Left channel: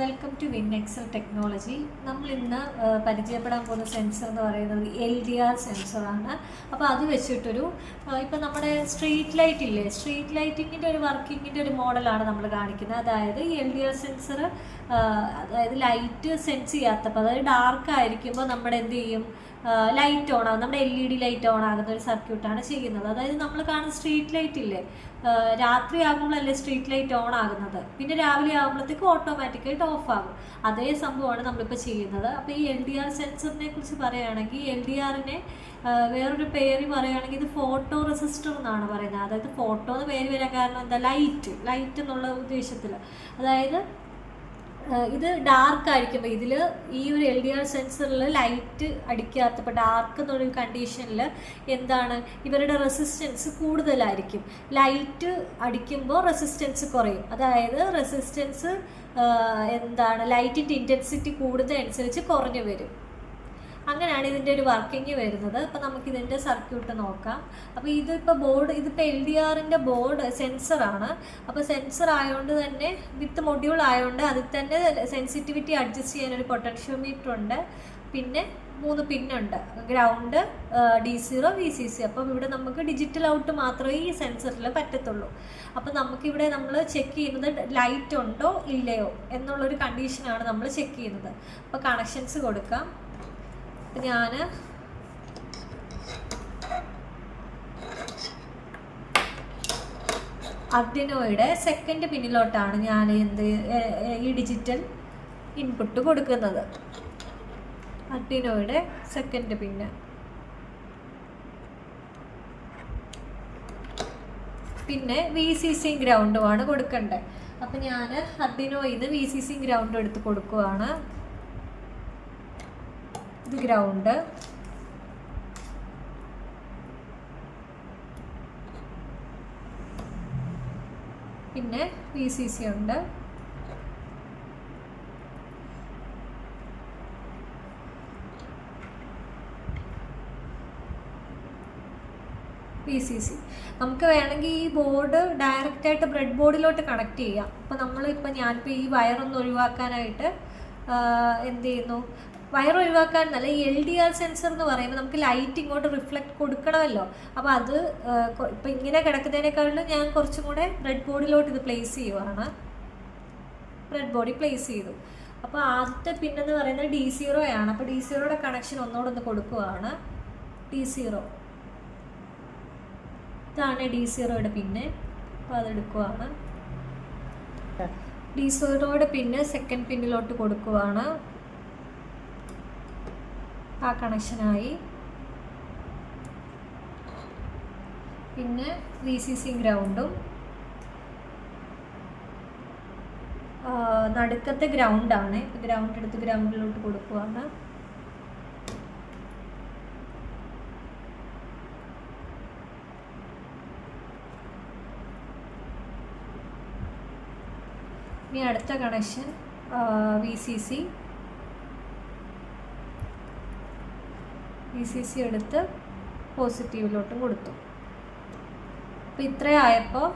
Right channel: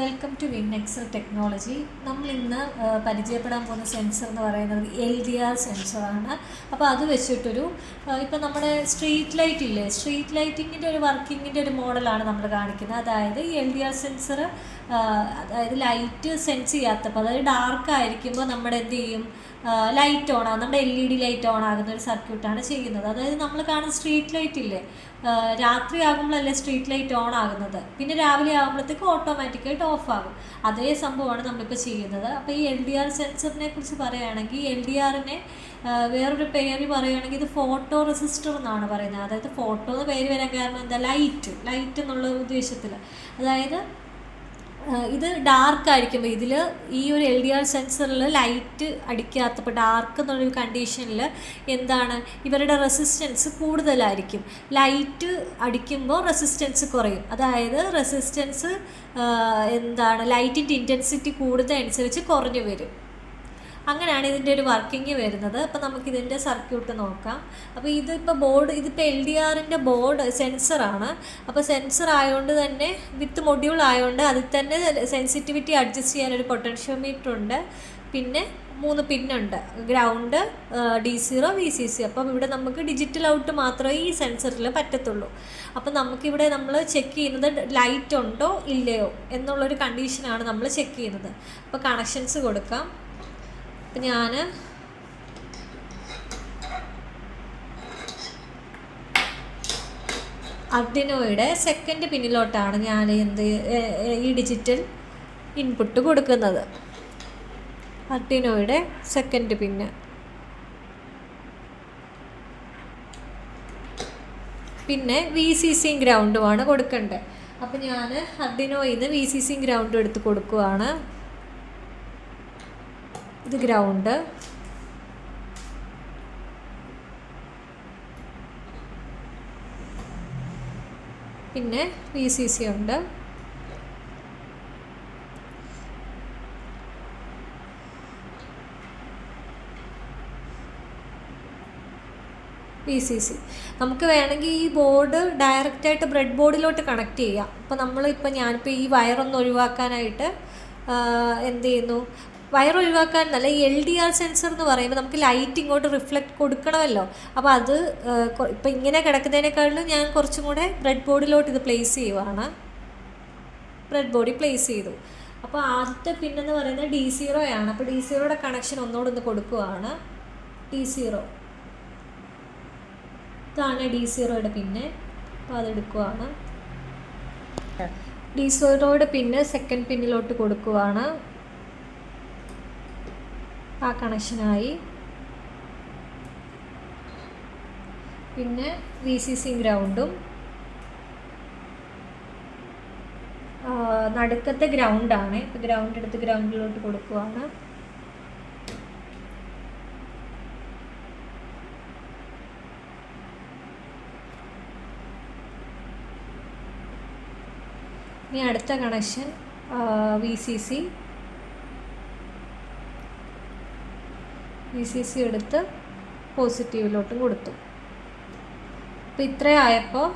Welcome to Win Excel Technology. നമ്മൾ ഇന്ന് പരിചയപ്പെടാൻ പോകുന്ന സെൻസർ എന്ന് പറയുന്നത് LDR സെൻസറാണ്. അപ്പോൾ അത് വെച്ചിട്ടൊരു ഇപ്പം നമ്മുടെ സ്ട്രീറ്റ് ലൈറ്റ് ഇല്ലേ, സ്ട്രീറ്റ് ലൈറ്റിങ്ങിൻ്റെ ഒരു വർക്കിങ്ങിൻ്റെ ഒരു മോഡലാണ് നമ്മൾ കാണിക്കുന്നത്. അതായത് ഈ LDR സെൻസർ അതായത് ലൈറ്റ് സെൻസ് ചെയ്യാത്തപ്പോൾ, അതായത് ഡാർക്ക് ആയിരിക്കുമ്പോൾ നമ്മുടെ എന്ത് ചെയ്യും, ലൈറ്റ് ഓൺ ആകും, നമ്മുടെ LED ലൈറ്റ് ഓൺ ആകുന്ന ഒരു സർക്യൂട്ടാണ് ചെയ്യുന്നത്. അതായത് നമ്മൾ കാണുന്ന സ്ട്രീറ്റ് ലൈറ്റ് ഇല്ലേ, രാത്രി ആകുമ്പോഴല്ലേ സ്ട്രീറ്റ് ലൈറ്റ് ഓൺ ആകുന്നത്, പിന്നെ രാവിലെ ആകുമ്പോഴത്തേക്ക് ഓട്ടോമാറ്റിക്കായിട്ട് ഓഫ് ആകും. അതേ സംഭവമാണ് നമ്മളിപ്പോൾ ചെയ്യുന്നത്. അപ്പോൾ ഈ LDR സെൻസറിനെ കുറിച്ച് പറയുകയാണെങ്കിൽ, LDRനെ വേറൊരു പേര് പറയുകയാണെങ്കിൽ ഇത് ഫോട്ടോ റെസിസ്റ്റർ എന്നാണ് പറയുന്നത്. അതായത് ഫോട്ടോ എന്ന് പേര് വരാൻ കാരണം എന്താ, ലൈറ്റ് എന്നുള്ള ഉദ്ദേശത്തിൽ. അതായത് ഇത് ഡാർക്ക് ആയിരിക്കുമ്പോൾ ഇതിൽ ഈ ഒരു LDR സെൻസറിൽ ലൈറ്റ് അടിക്കാത്തപ്പോൾ ഡാർക്ക് എന്നുള്ളൊരു കണ്ടീഷനിൽ എന്താണ്, ഇവരുടെ റെസിസ്റ്റൻസ് കൂടുതലായിരിക്കും. ലൈറ്റ് അടിക്കുമ്പോൾ റെസിസ്റ്റൻസ് കുറയും. അതായത് റെസിസ്റ്റൻസ് എന്താണ്, ലൈറ്റിൻ്റെ ഇൻറ്റൻസിറ്റി കൂടുന്നതനുസരിച്ച് കുറഞ്ഞു വരും. അങ്ങനെയാണ് ഇതിൻ്റെ ഒരു വർക്കിംഗ് വരുന്നത്. അപ്പോൾ നമുക്കിതിൻ്റെ സർക്യൂട്ട് നോക്കാം. അപ്പോൾ ഇതിപ്പോൾ ഇതിപ്പോൾ LDRൻ്റെ ബോർഡ് സെൻസറാണ്. അപ്പോൾ സെൻസർ ആയതുകൊണ്ട് തന്നെ വിത്ത് മൊഡ്യൂൾ ആയതുകൊണ്ട് അതിൽ തന്നെ സെൻസിറ്റിവിറ്റി അഡ്ജസ്റ്റ് ചെയ്യാനൊരു പൊട്ടൻഷ്യോമീറ്റർ ഉണ്ട്. പിന്നെ 3 പിന്നുണ്ട്, ഗ്രൗണ്ട്, D0, VCC. അപ്പം ഇവിടെ നമുക്ക് ഡിജിറ്റൽ ഔട്ട് മാത്രമേ ഈ സെൻസറിൽ പറ്റത്തുള്ളൂ. അപ്പം നമുക്കിവിടെ നമ്മൾ ചെക്ക് ചെയ്യുന്നത് ലൈറ്റ് ഉണ്ടോ ഇല്ലയോ എന്നുള്ളൊരു കണ്ടീഷനാണ് നമ്മൾ ചെക്ക് ചെയ്യുന്നത്. അപ്പോൾ കണക്ഷൻസ് കൊടുക്കാം. അപ്പം ഞാൻ ആർഡിനോയുടെ സെക്കൻഡ് പിന്നിലോട്ടാണ് ഞാൻ ഈ ഡിജിറ്റൽ ഇൻപുട്ട് കൊടുക്കുന്നത്. ആർഡിനോയുടെ സെക്കൻഡ് പിന്ന്. പിന്നെ VCC ഗ്രൗണ്ടുമാണ് കൊടുക്കേണ്ടത്. അപ്പം ഞാൻ ആർഡിനോയിൽ നിന്ന് VCC ഗ്രൗണ്ട് എടുത്ത് കൊടുക്കുകയാണ്. ഇത് ഗ്രൗണ്ട്, പിന്നെ VCC ഉണ്ട്. VCC നമുക്ക് വേണമെങ്കിൽ ഈ ബോർഡ് ഡയറക്റ്റായിട്ട് ബ്രെഡ് ബോർഡിലോട്ട് കണക്ട് ചെയ്യാം. അപ്പോൾ ഞാനിപ്പോൾ ഈ വയറൊന്ന് ഒഴിവാക്കാനായിട്ട് എന്ത് ചെയ്യുന്നു, വയർ ഒഴിവാക്കാനല്ല, ഈ LDR സെൻസർ എന്ന് പറയുമ്പോൾ നമുക്ക് ലൈറ്റ് ഇങ്ങോട്ട് റിഫ്ലക്റ്റ് കൊടുക്കണമല്ലോ. അപ്പോൾ അത് ഇപ്പം ഇങ്ങനെ കിടക്കുന്നതിനേക്കാളും ഞാൻ കുറച്ചും കൂടെ ബ്രെഡ് ബോർഡിലോട്ട് ഇത് പ്ലേസ് ചെയ്യുവാണ്. ബ്രെഡ് ബോർഡിൽ പ്ലേസ് ചെയ്തു. അപ്പോൾ ആദ്യത്തെ പിന്നെന്ന് പറയുന്നത് D0 ആണ്. അപ്പോൾ D0യുടെ കണക്ഷൻ ഒന്നുകൂടെ കൊടുക്കുകയാണ്. D0 ഇതാണ് D0യുടെ പിന്നെ. അപ്പോൾ അതെടുക്കുവാണ്. D0യുടെ പിന്നെ സെക്കൻഡ് പിന്നിലോട്ട് കൊടുക്കുവാണ്. ആ കണക്ഷനായി. പിന്നെ VCC ഗ്രൗണ്ടും നടുക്കത്തെ ഗ്രൗണ്ടാണ്. ഇപ്പോൾ ഗ്രൗണ്ട് എടുത്ത് ഗ്രൗണ്ടിലോട്ട് കൊടുക്കുകയാണ്. ഇനി അടുത്ത കണക്ഷൻ VCC എടുത്ത് പോസിറ്റീവിലോട്ട് കൊടുത്തു. അപ്പോൾ ഇത്രയായപ്പോൾ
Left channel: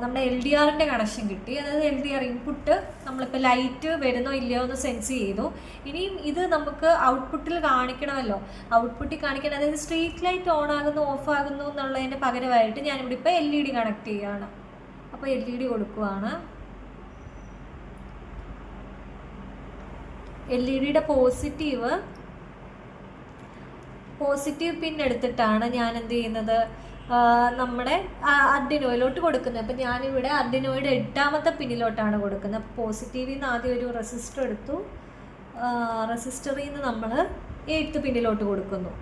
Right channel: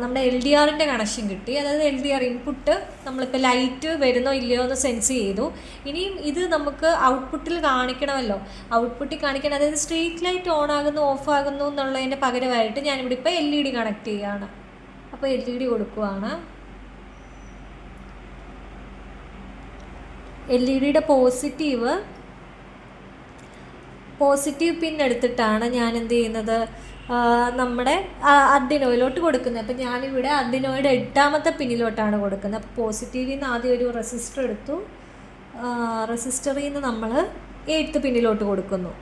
നമ്മുടെ LDRൻ്റെ കണക്ഷൻ കിട്ടി. അതായത് LDR ഇൻപുട്ട് നമ്മളിപ്പോൾ ലൈറ്റ് വരുന്നോ ഇല്ലയോ എന്ന് സെൻസ് ചെയ്തു. ഇനിയും ഇത് നമുക്ക് ഔട്ട്പുട്ടിൽ കാണിക്കണമല്ലോ. ഔട്ട്പുട്ടിൽ കാണിക്കണം, അതായത് സ്ട്രീറ്റ് ലൈറ്റ് ഓൺ ആകുന്നു ഓഫ് ആകുന്നു എന്നുള്ളതിൻ്റെ പകരമായിട്ട് ഞാനിവിടെ ഇപ്പോൾ LED കണക്ട് ചെയ്യുകയാണ്. അപ്പോൾ LED കൊടുക്കുകയാണ്. LEDയുടെ പോസിറ്റീവ് പിൻ എടുത്തിട്ടാണ് ഞാൻ എന്ത് ചെയ്യുന്നത്, നമ്മുടെ ആർഡിനോയിലോട്ട് കൊടുക്കുന്നത്. അപ്പം ഞാനിവിടെ ആർഡിനോയുടെ 8ാമത്തെ പിന്നിലോട്ടാണ് കൊടുക്കുന്നത്. അപ്പോൾ പോസിറ്റീവിൽ നിന്ന് ആദ്യം ഒരു റെസിസ്റ്റർ എടുത്തു. റെസിസ്റ്ററിൽ നിന്ന് നമ്മൾ 8th പിന്നിലോട്ട് കൊടുക്കുന്നു.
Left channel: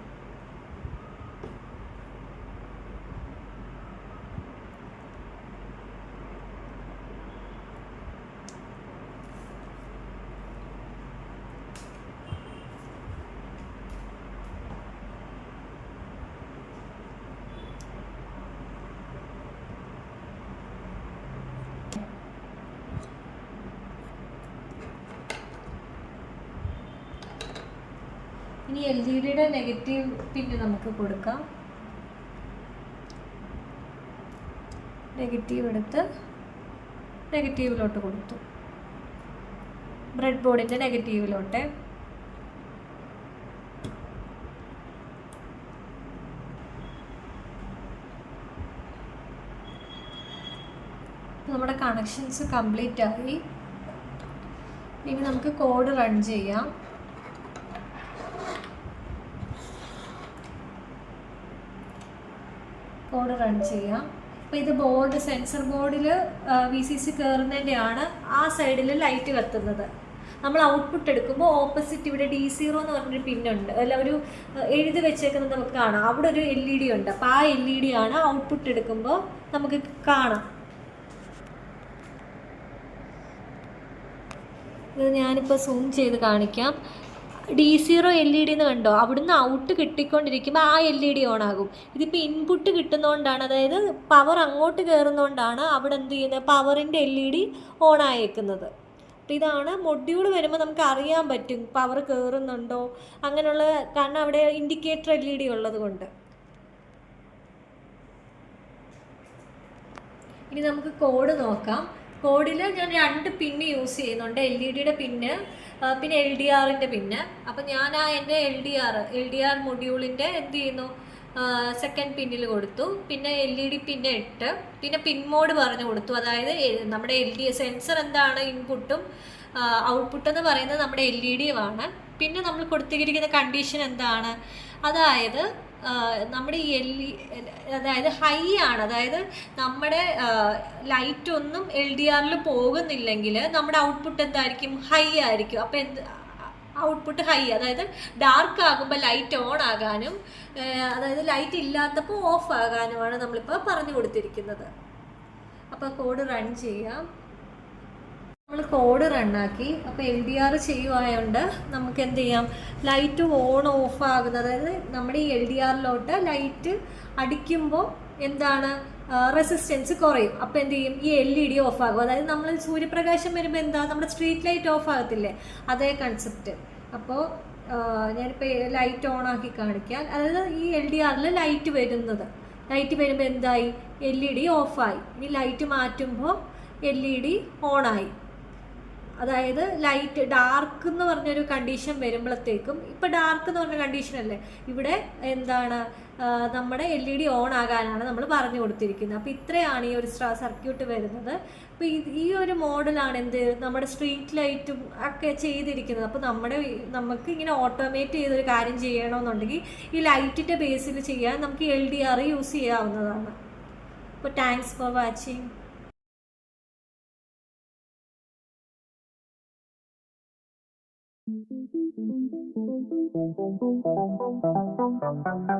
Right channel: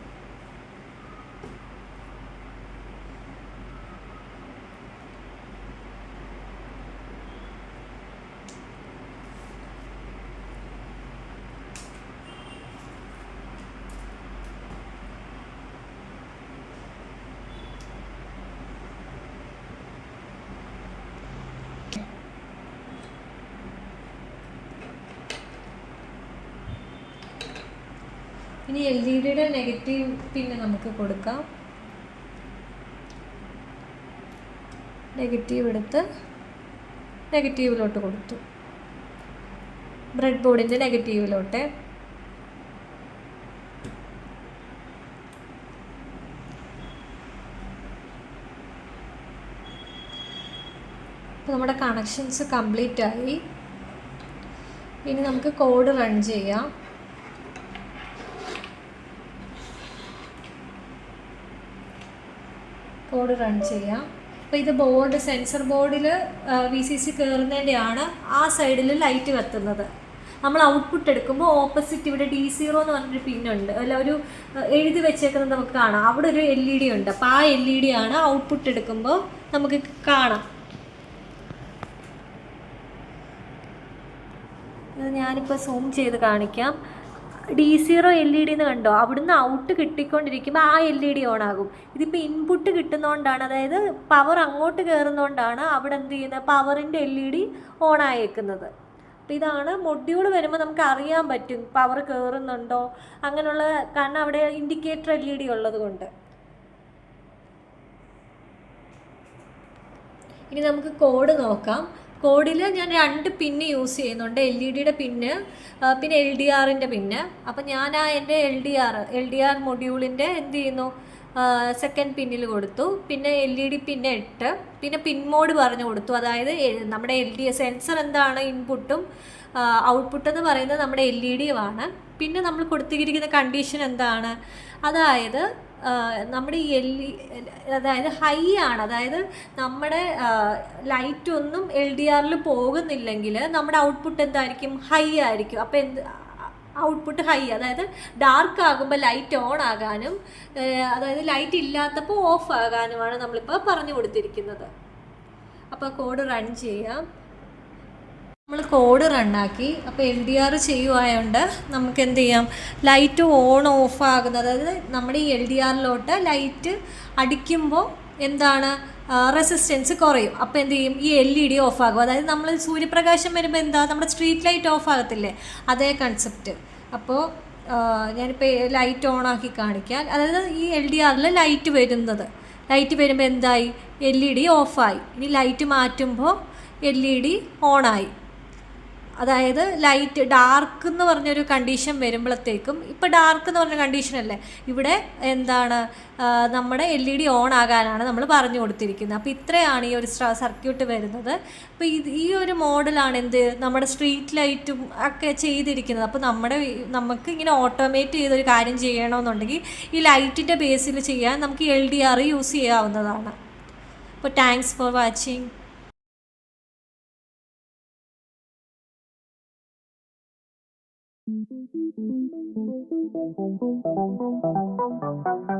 ഇനി LEDയുടെ നെഗറ്റീവ് പിന്നെ നമുക്ക് കൊടുക്കാം. നെഗറ്റീവ് എടുത്ത് നെഗറ്റീവിലോട്ട് കൊടുത്തു, ബ്രെഡ് ബോർഡിൻ്റെ നെഗറ്റീവിലോട്ട്. നമ്മുടെ കണക്ഷൻസ് കംപ്ലീറ്റ് ആയി. ഇനി നമുക്ക് കോഡ് റൺ ചെയ്യാം. കോഡ് റൺ ചെയ്യാം. അപ്പോൾ ഇത് ബോർഡ്, സെൻസർ ബോർഡിൽ VCC കയറുന്നതിൻ്റെയാണ് ആ സൈഡിൽ ലൈറ്റ് കത്തുന്നത്. നമ്മൾ ഔട്ട്പുട്ട് എടുക്കുമ്പോൾ ഓപ്പോസിറ്റ് ഇവിടെ D0 എന്ന് പറഞ്ഞൊരു പിന്നുണ്ട്, അല്ല ഒരു എഴുതി വെച്ചേക്കുന്നത് നമുക്ക് കാണാം. അവിടെ ഒരു LED ഉണ്ട്. അപ്പോൾ ആ LED ആണ് ഔട്ട്പുട്ട് എടുക്കുമ്പോൾ നമുക്ക് കാണാം. ഇത് ഞാനിപ്പോൾ സൂം ചെയ്ത് കാണിക്കാം. D0 LED എന്ന് കണ്ടോ, അവിടുന്ന് ഔട്ട് കിട്ടിക്കൊണ്ടിരിക്കുമ്പോൾ ആ LED ഓൺ ആകും. ഇതിപ്പോൾ ഇൻപുട്ട് കിട്ടുന്നതുകൊണ്ടാണ്, അതായത് പവർ അങ്ങോട്ട് കയറുന്നതുകൊണ്ടാണ് അവിടെ എന്ത് ചെയ്യുന്നത്, പവറിൻ്റെ LED ഓൺ ആയേക്കുന്നത്. അപ്പോൾ ഇതാണ് മൊഡ്യൂൾ വരുമ്പോൾ നമുക്ക് അറിയാൻ പറ്റും പവർ കയറുന്നുണ്ടോ അങ്ങനെയുള്ള, കാരണം അവിടെ ഇൻഡിക്കേറ്റർ LED ഉള്ളത് കൊണ്ട്. ഇനി നമുക്ക് കോഡ് നോക്കാം. കോഡിൽ ഞാൻ 2 പിന്ന് യൂസ് ചെയ്യുന്നുണ്ട്, LED പിന്ന് പിന്നെ LDRൻ്റെ പിന്ന്. അപ്പം ഞാൻ എൻ്റെ LDR മൊഡ്യൂളിൻ്റെ എന്ത് ചെയ്യുന്നു, സെക്കൻഡ് പിന്നിൽ കൊടുത്തു. പിന്നെ LED പിന്ന് 8, പിന്നെ പിൻ മോഡ് പറഞ്ഞു കൊടുത്തു. അതായത് നമ്മുടെ സെൻസർ എന്താണ്, ഇൻപുട്ടും ഔട്ട്പുട്ട് എന്ന് പറയുന്നത് നമ്മുടെ LED-യുമാണ്. പിന്നെ നമ്മൾ കൊടുത്തിരിക്കുന്ന കണ്ടീഷൻ എന്താണ്, അതായത് നമ്മുടെ ഈ അതായത് ഹൈ ആണ്, അതായത് നമ്മുടെ ലൈറ്റ് ഒന്നും LDRൽ പോകുന്നില്ലെങ്കിൽ നമ്മുടെ ഔട്ട്പുട്ട് എന്തായിരിക്കും, ഹൈ ആയിരിക്കും. അപ്പോൾ ഔട്ട്പുട്ട് ഹൈ, അതായത് ഡാർക്ക് ആകുമ്പോൾ ലൈറ്റ് ഓൺ ആകാനും അതായത് ലൈറ്റ് ഇല്ലാത്തപ്പോൾ ഓഫ് ആകാനുമാണ് നമ്മളിപ്പോൾ പറഞ്ഞു കൊടുത്തിരിക്കുന്നത്. അപ്പോൾ കോഡ് റൺ ചെയ്യാം. നമ്മൾ കോഡ് റണ്ണാക്കി. അപ്പോൾ LDR ചെയ്യുവായതുകൊണ്ട് നമുക്ക് എന്ത് ചെയ്യാം, ലൈറ്റ് ഓൺ ഓഫ് ആകുന്നത്, അതായത് നമ്മുടെ ഈ LDRലോട്ട് ലൈറ്റ് അടിക്കുമ്പോൾ എന്താണ്, റെസിസ്റ്റൻസ് കുറയും. അപ്പോൾ എന്ത് ചെയ്യും, ഈ LED ഓഫ് ആകും. അതായത് നമ്മൾ സൂര്യപ്രകാശം വരുമ്പോൾ എന്താ, നമ്മുടെ സ്ട്രീറ്റ് ലൈറ്റ് ഓഫ് ആകത്തില്ലേ, അതേ കൺസെപ്റ്റ്. അപ്പോൾ ഞാനിപ്പോൾ ലൈറ്റ് ഓൺ ആക്കി കാണിക്കാം. അതായത് ഈ LDRൽ ലൈറ്റ് വരുമ്പോൾ എന്തായി, LED ഓഫായി. ഇനി ലൈറ്റ് മാറ്റുമ്പോൾ LED ഓണായി. അതായത് ലൈറ്റ് ഡാർക്ക് എന്ന് പറഞ്ഞൊരു കണ്ടീഷൻ വരുമ്പോഴത്തേക്കും, ഇപ്പോൾ ഡാർക്ക് എന്ന് പറഞ്ഞ കണ്ടീഷനല്ലേ, ഇവിടെ എന്താണ്, നമ്മുടെ LED ഓൺ ആകാനാണ് നമ്മൾ പറഞ്ഞു കൊടുത്തിരിക്കുന്നത്. അപ്പോൾ ഇത്രയാണ് ഈ ഒരു സർക്യൂട്ട് വരുന്നത്. അപ്പോൾ ഈ ഒരു മോഡലാണ് എന്ത്, നമ്മുടെ സ്ട്രീറ്റ് ലൈറ്റും ഒക്കെ ചെയ്തിരിക്കുന്നത്. അപ്പോൾ നമുക്ക് ഇങ്ങനെ ഓട്ടോമേറ്റ് ചെയ്തൊരു കാര്യം ചെയ്യണമെന്നുണ്ടെങ്കിൽ ഈ ലൈറ്റിൻ്റെ ബേസിൽ ചെയ്യാൻ നമുക്ക് LDR യൂസ് ചെയ്യാവുന്നതാണ്. അപ്പോൾ thanks for watching. Thank you.